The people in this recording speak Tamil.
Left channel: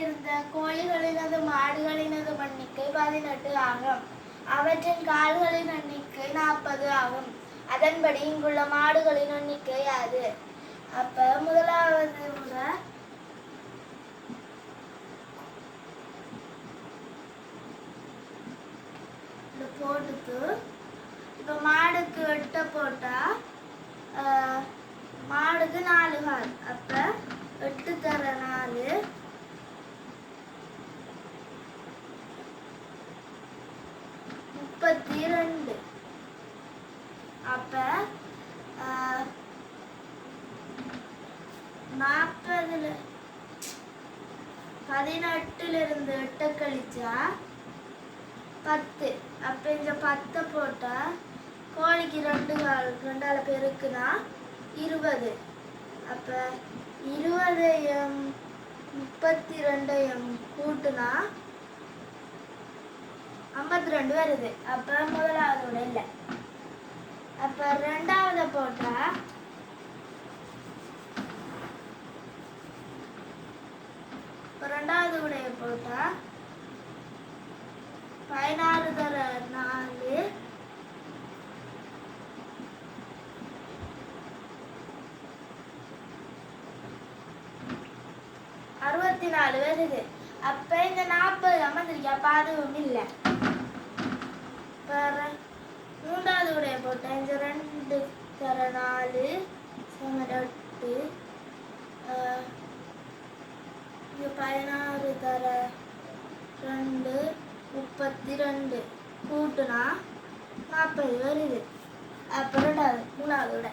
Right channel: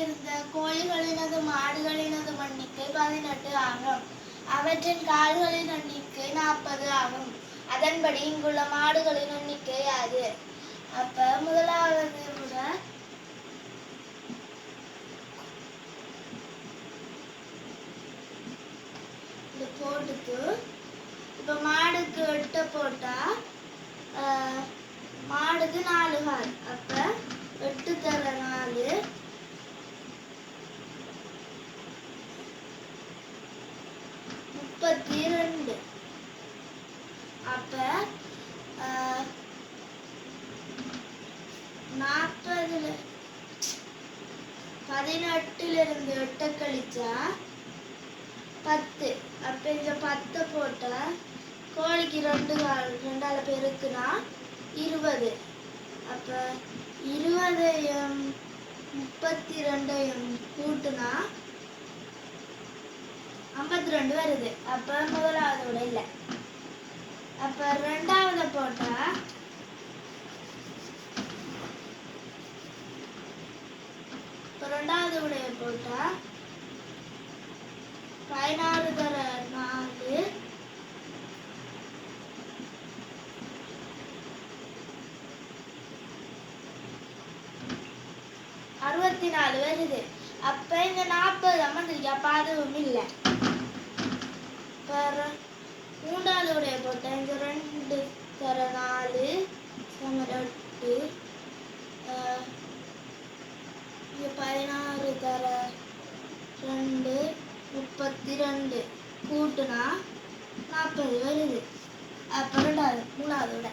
இருந்த கோழிகளினது மாடுகளினது எண்ணிக்கை 18 ஆகும். அவற்றின் கால்களின் எண்ணிக்கை 40 ஆகும். அதன்படி இங்குள்ள மாடுகளின் எண்ணிக்கை யாது? அப்ப முதலாவது போட்டுட்டு இப்ப மாடுக்கு 8 போட்டா மாடுக்கு 4 கால். அப்ப 8 தர 4 32. அப்ப 18 இருந்து 8 கழிச்சா 10. அப்ப இந்த 10 போட்டா கோழிக்கு 2 கால் 2ஆல பெருக்குனா 20. அப்ப 20ஐயும் 32ஐயும் கூட்டுனா 52 வருது. அப்ப முதலாவதோட இல்லை. அப்ப ரெண்டாவது போட்டா ரெண்டாவது உடைய போட்டா 16 தர 4 64 வருது. அப்ப இந்த 40 வந்துருக்கு. அப்ப அதுவும் இல்லை. மூன்றாவது உடைய போட்ட இந்த 2 தர 4 8 16 தர 2 32 கூட்டுனா 40 வருது. அப்ப மூணாவது விட